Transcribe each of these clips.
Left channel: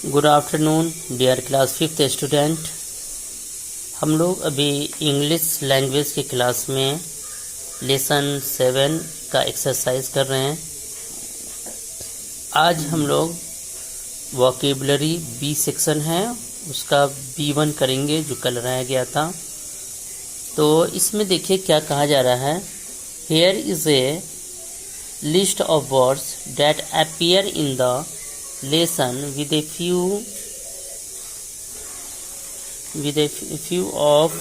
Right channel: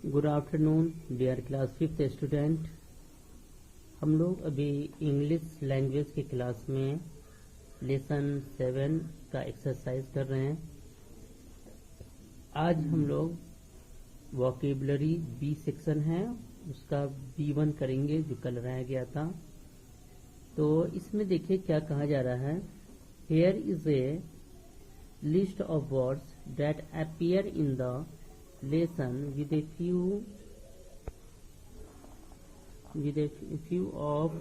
Good afternoon dear class fifth student. हम लोग अभी इंग्लिश लैंग्वेज की क्लास में लेसन 7 का एक्सरसाइज कर रहे हैं। आज हम लोग वोकेबलरी बी सेक्शन है, उसका B1 करेंगे जो कल रह गया था। तो इसमें देखिए क्या कहा जा रहा है। Here is a list of words that appear in the lesson with a few of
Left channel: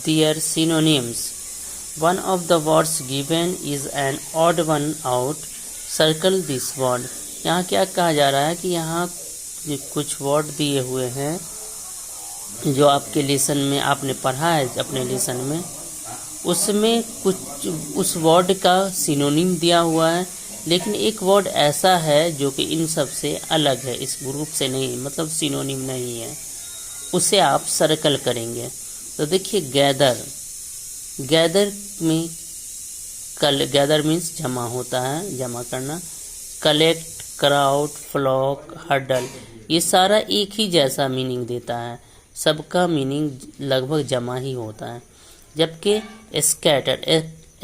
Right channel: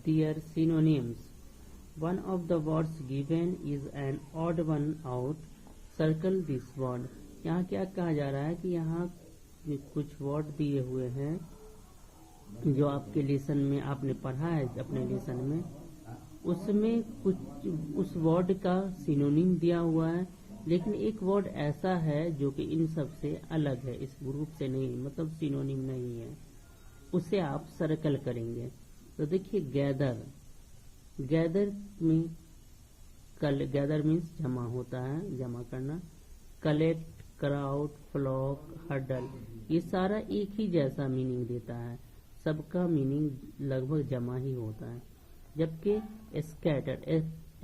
their synonyms. One of the words given is an odd one out. Circle this word. यहाँ क्या कहा जा रहा है कि यहाँ कुछ वर्ड दिए हुए हैं जो आपके लेसन में आपने पढ़ा है अपने लेसन में, उसमें कुछ उस वर्ड का सिनोनिम दिया हुआ है, लेकिन एक वर्ड ऐसा है जो कि इन सब से अलग है, इस ग्रुप से नहीं, मतलब सिनोनिम नहीं है, उसे आप सर्कल करेंगे। तो देखिए गैदर में गैदर मीन्स जमा होता है, जमा करना। कलेक्ट, क्राउड, फ्लॉक, हर्डल, ये सारा एक ही जैसा मीनिंग देता है, सबका मीनिंग लगभग जमा ही होता है। जबकि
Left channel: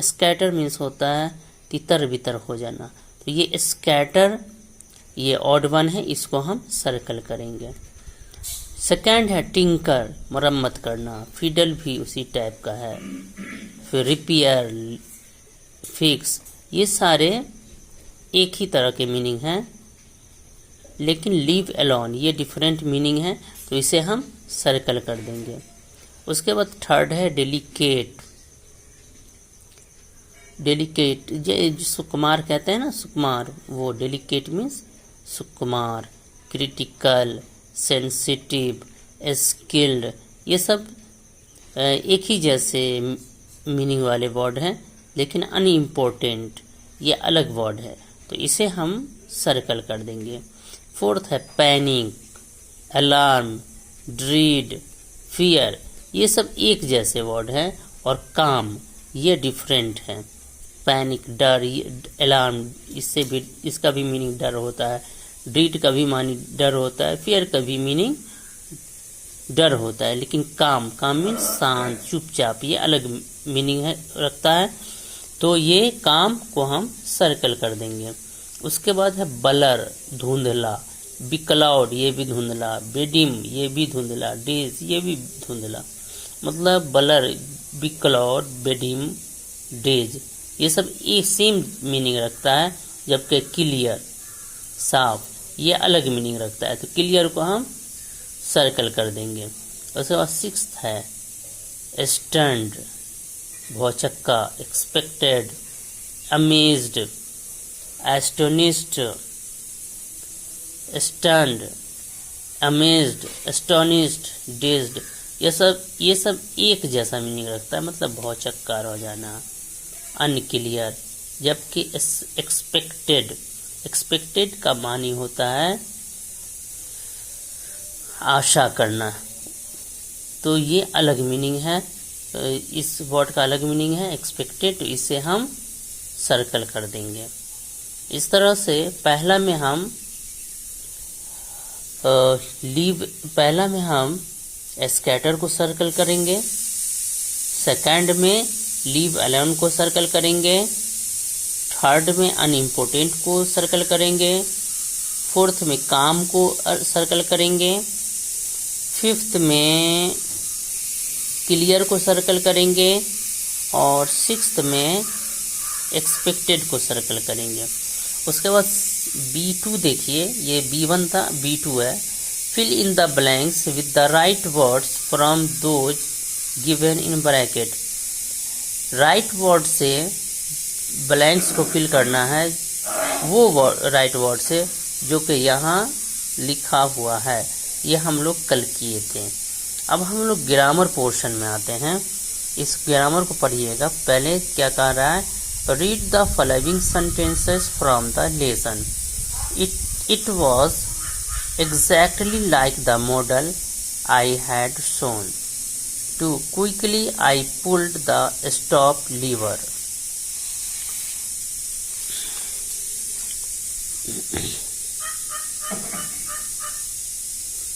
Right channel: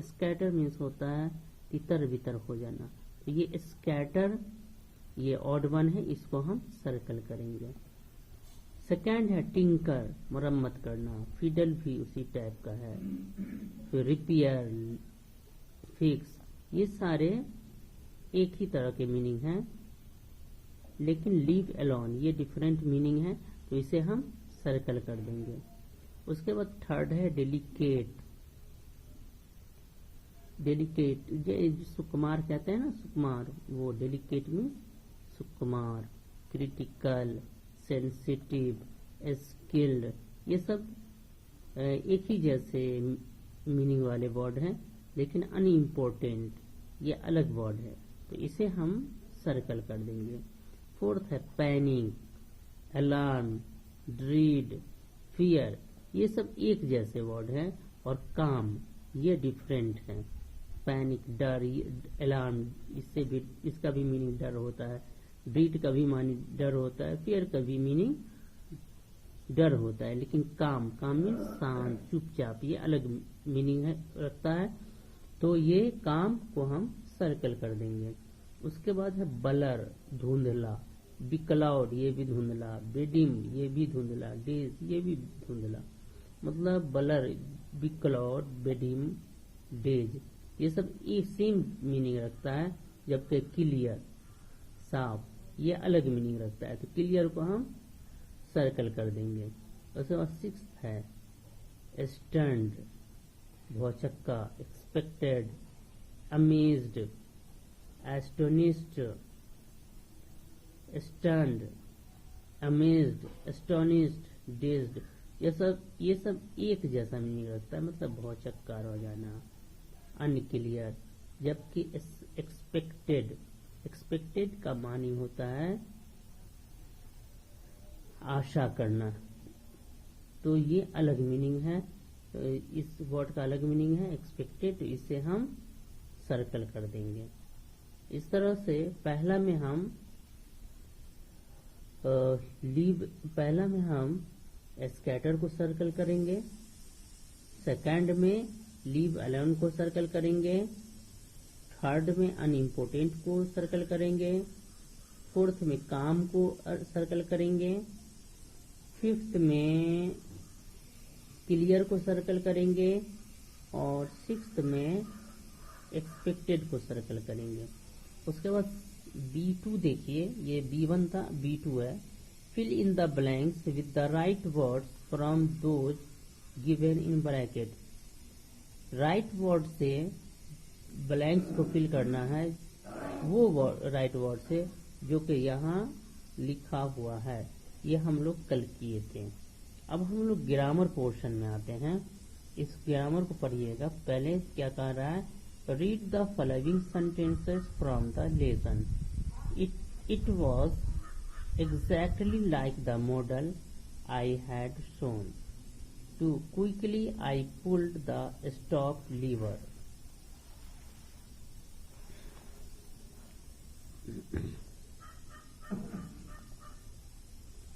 स्कैटर मीन्स होता है तितर बितर हो जाना। तो ये स्कैटर, ये ऑड वन है, इसको हम सर्कल करेंगे। सेकंड है टिंकर, मरम्मत करना। फिडल भी उसी टाइप का है। फिर रिपेयर, फिक्स, ये सारे एक ही तरह के मीनिंग हैं, लेकिन लीव अलोन ये डिफरेंट मीनिंग है, तो इसे हम सर्कल कर देंगे। उसके बाद थर्ड है डेलिकेट। सुकुमार कहते हैं ना, सुकुमार, वो डेलिकेट मीन्स सुकुमार। क्रिटिकल, सेंसिटिव, स्किल्ड, ये सब एक ही जैसे मीनिंग वाले वर्ड हैं, लेकिन अनइम्पोर्टेंट ये अलग वर्ड है, तो इसे हम सर्कल कर देंगे। फोर्थ है पैनिक, अलार्म, ड्रीड, फियर, ये सब एक जैसे वर्ड हैं। और काम, ये डिफरेंट है। पैनिक डर, अलार्म, इससे भी इसका भी मीनिंग डर होता है। ड्रीड का भी मीनिंग डर होता है, फियर का भी मीनिंग डर होता है। लेकिन काम मीन्स शांत, चुपचाप, ये अलग मीनिंग है रखता है, तो ये काम को हम सर्कल कर देंगे। उसके बाद है बलर, धुंधला। बिक्लाउड, ये भी धुंधला। बेडिम, ये भी धुंधला। डेज, ये भी धुंधला। मतलब बलर, बिक्लाउड, बेडिम, डेज, ये सब एक सेम मीनिंग रखता है। जबकि क्लियर, साफ, ये अलग मीनिंग रखता है, तो क्लियर को हम सर्कल कर देंगे। उसके बाद सिक्स्थ है स्टन्ड, भौचक्का। Expected, amazed, astonished, stunned, amazed, astonished, dazed, ये सब एक जैसा मीनिंग रखता है, मतलब भौचक्का रह जाना। अनक्लियर, जबकि एक्सपेक्टेड का मानी होता है आशा करना, तो ये अलग मीनिंग है। इस वर्ड का अलग मीनिंग है एक्सपेक्टेड, तो इसे हम सर्कल कर देंगे। इस तरह से पहला में हम स्कैटर को सर्कल करेंगे। सेकंड में लीव अलोन को सर्कल करेंगे। थर्ड में अनइम्पोर्टेंट को सर्कल करेंगे। फोर्थ में काम को सर्कल करेंगे। फिफ्थ में क्लियर को सर्कल करेंगे। और सिक्स्थ में एक्सपेक्टेड को सर्कल करेंगे। उसके बाद B2 देखिए, ये B1 था, B2 है। Fill in the blanks with the right words from those given in bracket. Right word से ब्लैंक्स को फिल करना है, वो राइट वर्ड से जो कि यहाँ लिखा हुआ है, ये हम लोग कल किए थे। अब हम लोग ग्रामर पोर्शन में आते हैं। इस ग्रामर को पढ़िएगा। पहले क्या कह रहा है, read the following sentences from the lesson. It was exactly like the model I had shown. Too quickly I pulled the stop lever.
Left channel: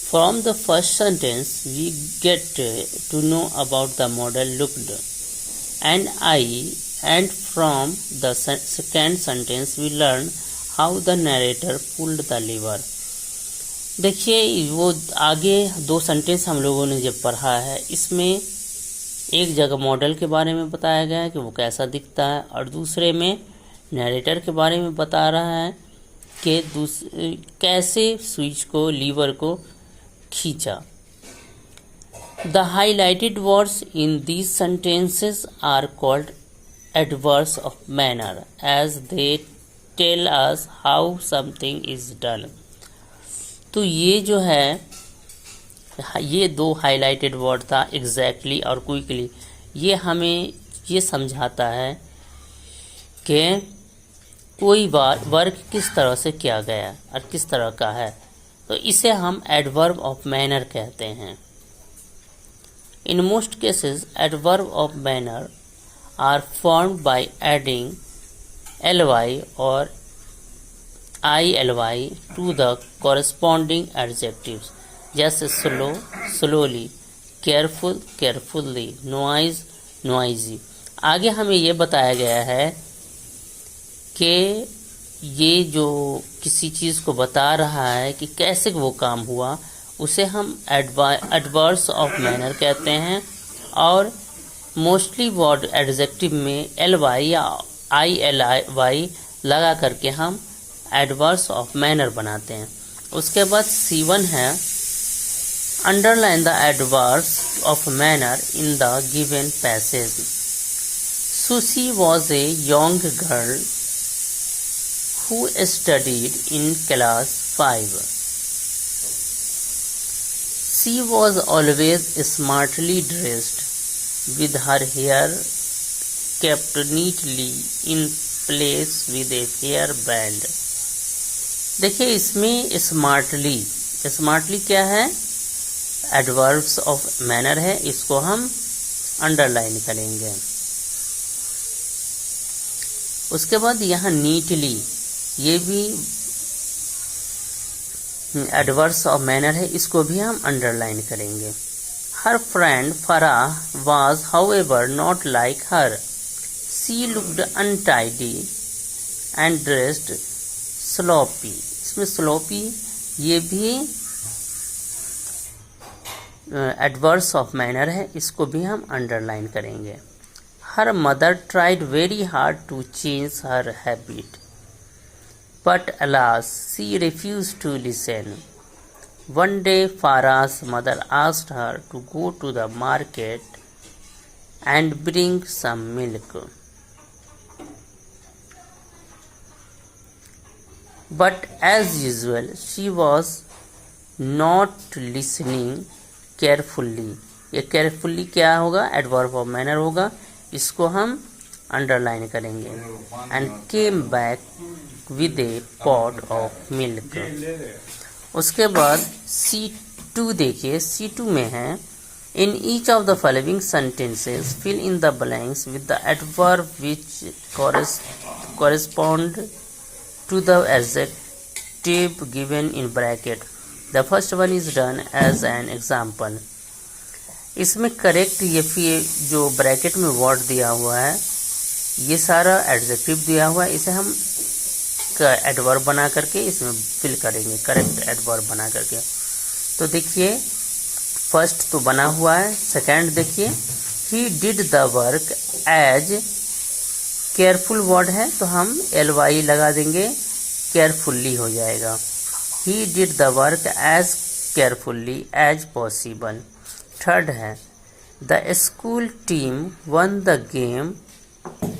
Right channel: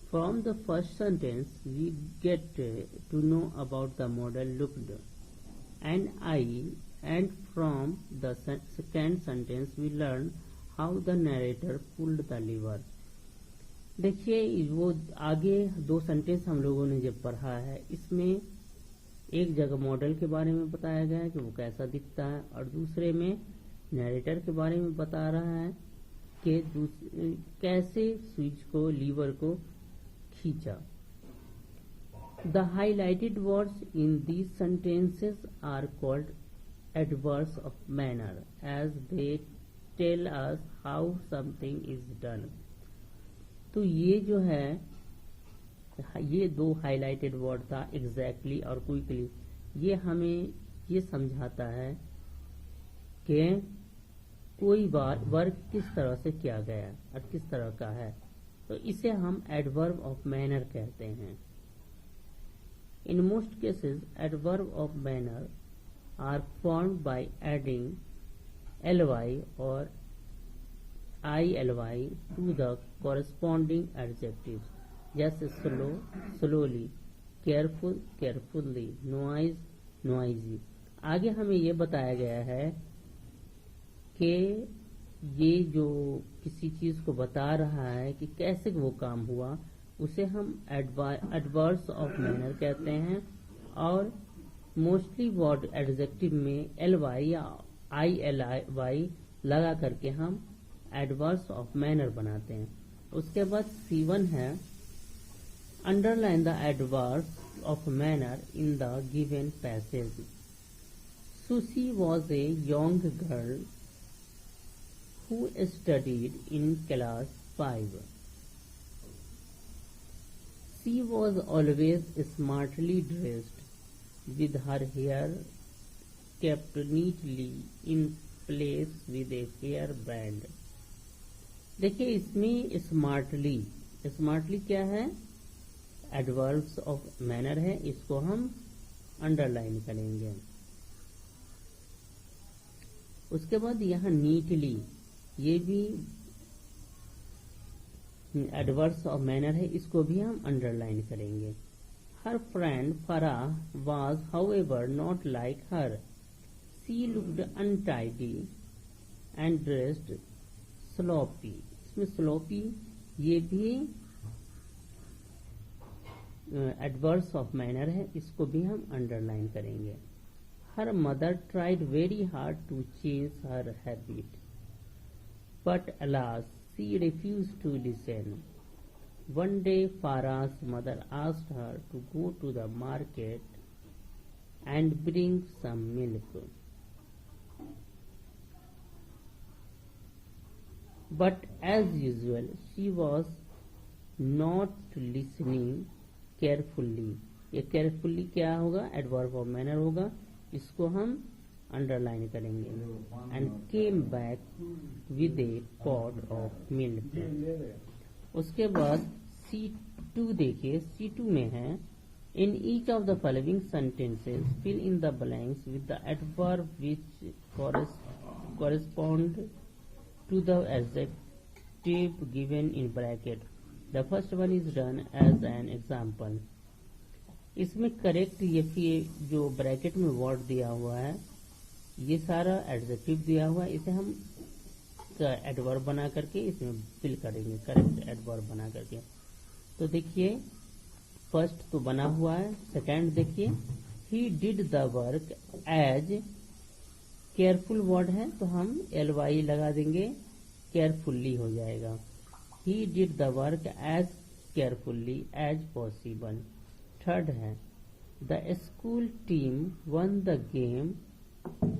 From the first sentence, we get to know about the model looked and I, and from the second sentence, we learn how the narrator pulled the lever. देखिए वो आगे दो sentence हम लोगों ने जब पढ़ा है, इसमें एक जगह मॉडल के बारे में बताया गया है कि वो कैसा दिखता है, और दूसरे में नैरेटर के बारे में बता रहा है कि कैसे स्विच को, लीवर को खींचा. The highlighted words in these sentences are called adverbs of manner, as they tell us how something is done. तो ये जो है, ये दो हाईलाइटेड वर्ड था एग्जैक्टली और क्विकली, ये हमें ये समझाता है कि कोई वर्क किस तरह से किया गया और किस तरह का है. तो इसे हम एडवर्ब ऑफ मैनर कहते हैं. In most cases, adverb of manner are formed by adding ly or illy to the corresponding adjectives, जैसे slow, slowly, careful, carefully, noise, noisy. आगे हमें ये बताया गया है कि ये जो किसी चीज़ को बता रहा है कि कैसे वो काम हुआ, उसे हम एडवर्ब्स ऑफ मैनर कहते हैं. और मोस्टली वर्ड एडजेक्टिव में एल वाई या आई एल वाई लगा करके हम एडवर्ब्स ऑफ मैनर बनाते हैं. उसके बाद C1 है, underline the adverbs of manner in the given passage. Sushi was a young girl who studied in class 5. She was always smartly dressed, with her hair kept neatly in place with a hair band. देखिए इसमें smartly क्या है, adverbs of manner है, इसको हम underline करेंगे. उसके बाद यहाँ नीटली, ये भी एडवर्ब्स ऑफ मैनर है, इसको भी हम अंडरलाइन करेंगे. Her friend Farah was however not like her. She looked untidy and dressed sloppy. इसमें स्लोपी ये भी एडवर्ब्स ऑफ मैनर है, इसको भी हम अंडरलाइन करेंगे. Her mother tried very hard to change her habit, but alas, she refused to listen. One day, Farah's mother asked her to go to the market and bring some milk. But as usual, she was not listening carefully. ये carefully क्या होगा, adverb of manner होगा, इसको हम underline करेंगे. And came back with a pot of milk. उसके बाद C2 देखिए, C2 में है, in each of the following sentences fill in the blanks with the adverb which correspond to the adjective given in bracket. The first one is done as an example. इसमें correct ये जो bracket में word दिया हुआ है, ये सारा adjective दिया हुआ है, इसे हम एडवर्ब बना करके इसमें फिल करेंगे, करेक्ट एडवर्ब बना करके. तो देखिए फर्स्ट तो बना हुआ है, सेकंड देखिए, he did the work as, careful word है तो हम ly लगा देंगे, केयरफुल्ली हो जाएगा. He did the work as carefully as possible. Third है, the school team won the game.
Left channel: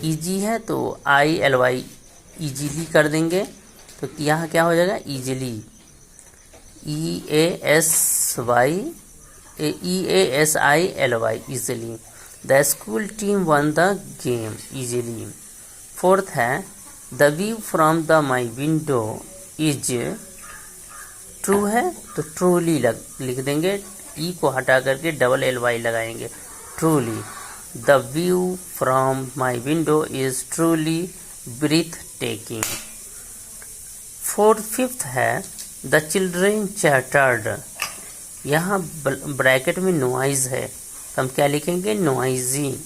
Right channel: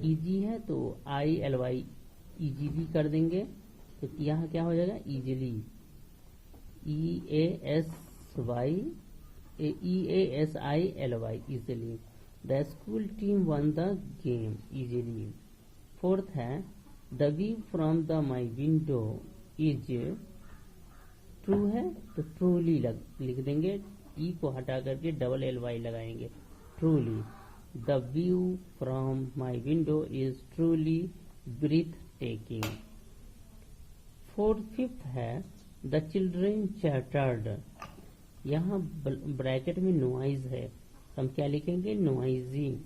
Easy है तो ILY ईजीली कर देंगे, तो यहाँ क्या हो जाएगा, easily, EASILY easily. The school team won the game easily. Fourth है, the view from the my window is, true है तो ट्रूली लिख देंगे, ई को हटा करके डबल LY लगाएंगे, truly. The view from my window is truly breathtaking. Fifth है द चिल्ड्रेन चैटर्ड। यहाँ ब्रैकेट में नॉइज है तो हम क्या लिखेंगे, नॉइजी,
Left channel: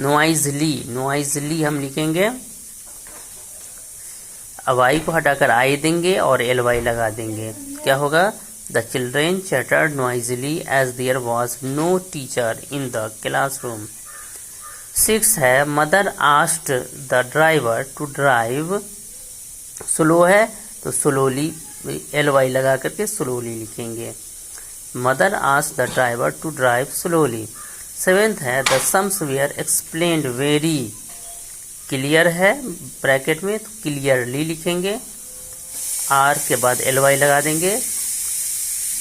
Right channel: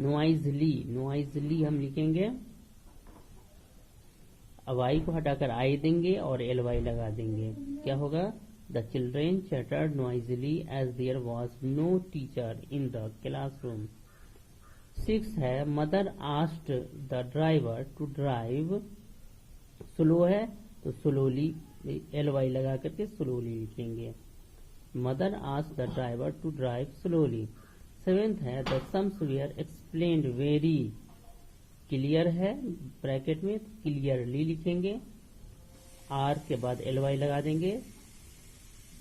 नॉइजली हम लिखेंगे। अब आई को हटाकर आई देंगे और एल वाई लगा देंगे, क्या होगा, the children chattered noisily as there was no teacher in the classroom. 6 है mother asked the driver to drive, slow है तो स्लोली एल वाई लगा करके स्लोली लिखेंगे, mother asked the driver to drive slowly. 7th है the sums were explained very, clear है bracket में तो क्लियरली लिखेंगे, आर के बाद एल वाई लगा देंगे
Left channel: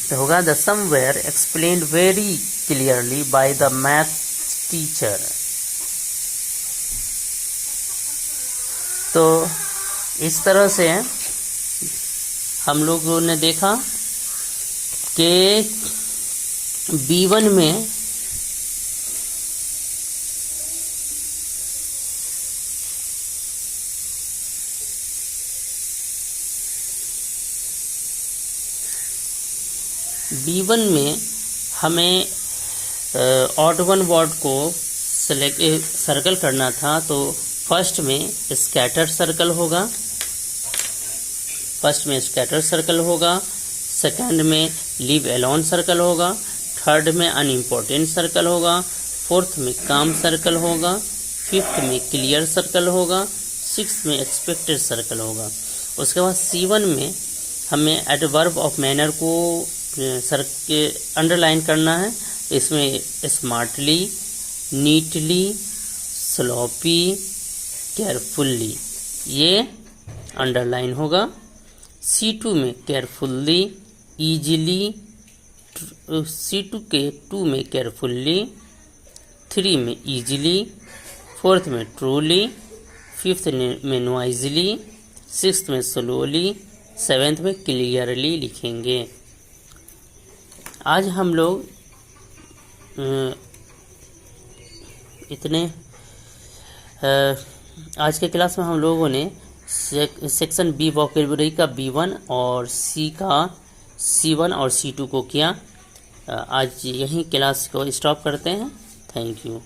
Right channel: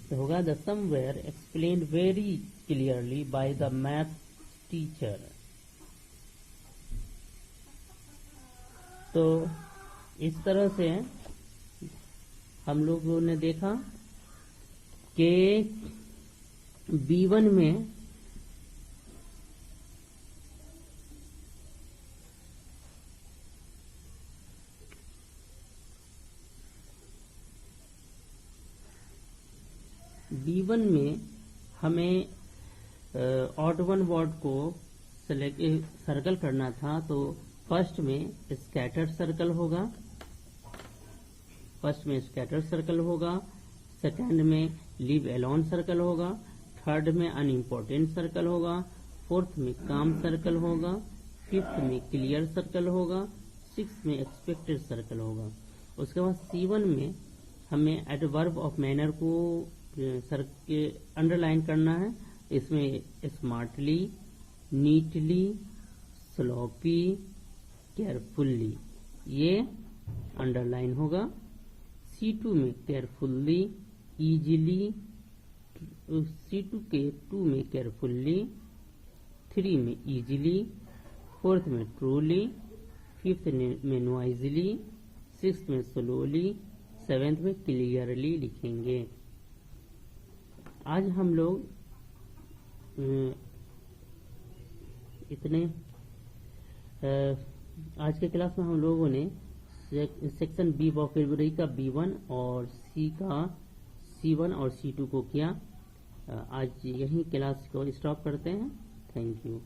तो होगा the somewhere explained very clearly by the math teacher. तो इस तरह से हम लोगों ने देखा कि B1 में हमें ऑड वन वर्ड को सर्कल करना था, तो फर्स्ट में स्कैटर सर्कल होगा, सेकंड में लीव एलोन सर्कल होगा, थर्ड में अनइम्पोर्टेंट सर्कल होगा, फोर्थ में काम सर्कल होगा, फिफ्थ में क्लियर सर्कल होगा, सिक्स्थ में एक्सपेक्टेड सर्कल होगा। उसके बाद C1 में हमें एडवर्ब ऑफ मैनर को अंडरलाइन करना है। इसमें स्मार्टली, नीटली, स्लोपी, केयरफुल्ली ये अंडरलाइन होगा। C2 में केयरफुल्ली, ईजिली, C2 के 2 में केयरफुल्ली, 3 में ईजिली, 4th में ट्रूली, 5th में नॉइजली, 6th में स्लोली, 7th में क्लियरली लिखेंगे। आज हम लोग आज के क्लास में हम लोगों ने सेक्शन बी वोकैबुलरी का B1 और C का C1 और C2 को किया। आज यहीं क्लास को स्टॉप करते हैं। Thank you.